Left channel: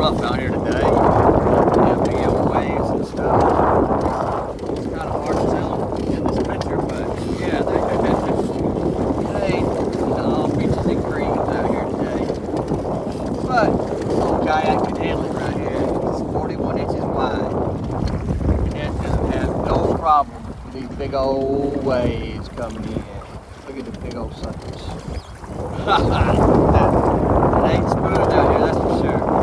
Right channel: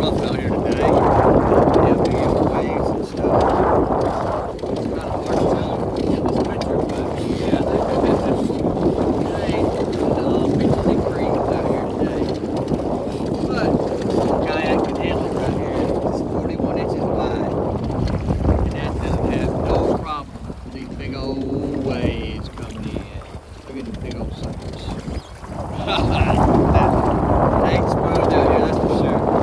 rough out here today. Yeah, big old waves and stuff. It's kind of hard to tell in this picture, but yeah, they beaches and creams out here today. But this little kayak can handle it right here. It's 41 inches wide. And that doesn't have no problem with these big old waves coming in. Look at the big old suckers. It ain't smooth out here, that's for sure.